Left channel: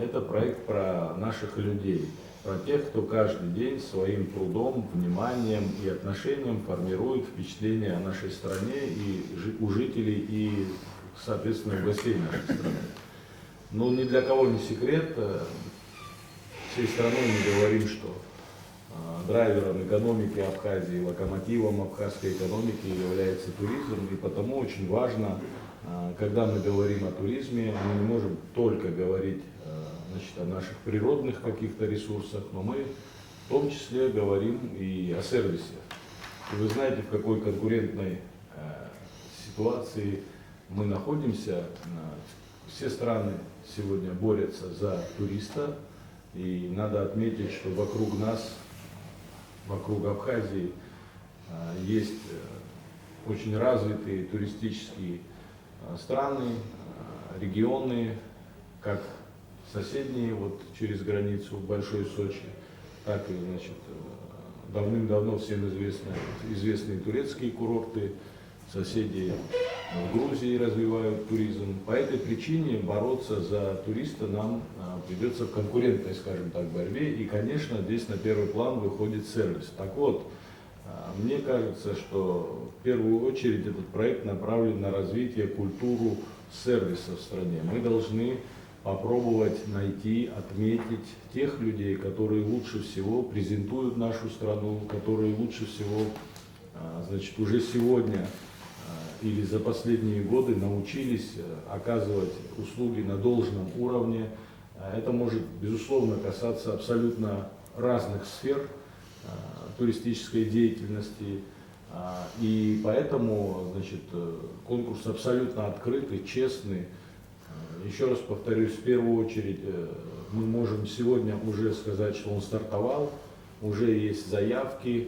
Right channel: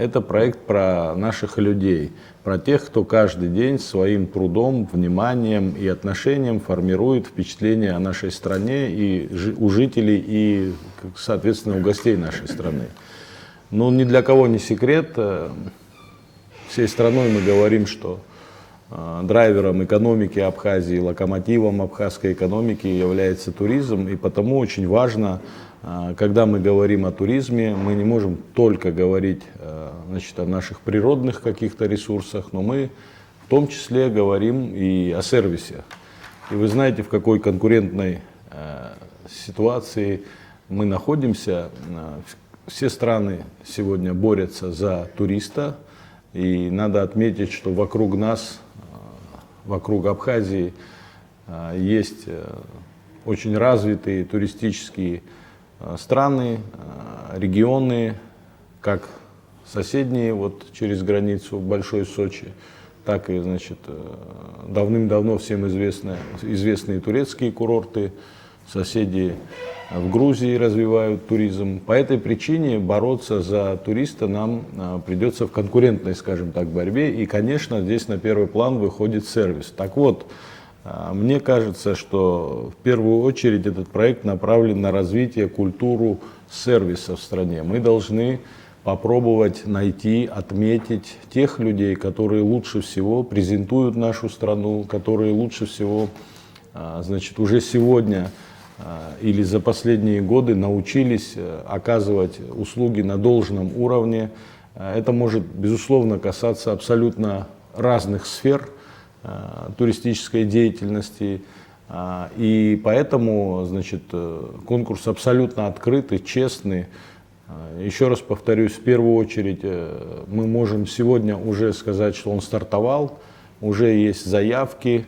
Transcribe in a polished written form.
Это проект про наших людей, про тех, кто каждый день своим трудом, вниманием и отношением формирует впечатление о нашей стране и у жителей, и, соответственно, у гостей нашей страны. Но ни для кого не секрет, всей страной мы говорим, что драйвером экономики Абхазии, локомотивом абхазской экономики является туризм, и потому очень важно, когда мы говорим о туризме, мы не можем только говорить, значит, о наших природных каких-то ресурсах, но мы в том числе говорим и о сервисе. И вы знаете, в какой конкурентной ситуации мы находимся. Все страны сегодня борются за туриста, и надо отметить, что вокруг нас, вокруг Абхазии, есть очень развитые туристические страны, регионы, как соседние, вот через границу Большой Сочи, так и, значит, давным-давно всем известные турецкие курорты, соседи в Грузии развивают туризм. По этой причине бороться за туриста нам придется в конкурентной, скажем так, борьбе. И, конечно, здесь на первый план выходит сервис. Так вот, мне кажется, что в первую очередь этот проект направлен на развитие культуры сервиса в стране. Мы должны попробовать найти, отметить тех людей, которые лучше всего презентуют нашу страну, которые лучше всего, значит, уже сегодня или за последние годы научились оказывать услуги на должном уровне. Это может, безусловно, касаться абсолютно разных сфер туристической деятельности. И поэтому, значит, конкурс абсолютно открытый, честный. Еще раз повторюсь, в первую очередь мы можем сегодня уже сказать, что он стартовал, уже есть заявки,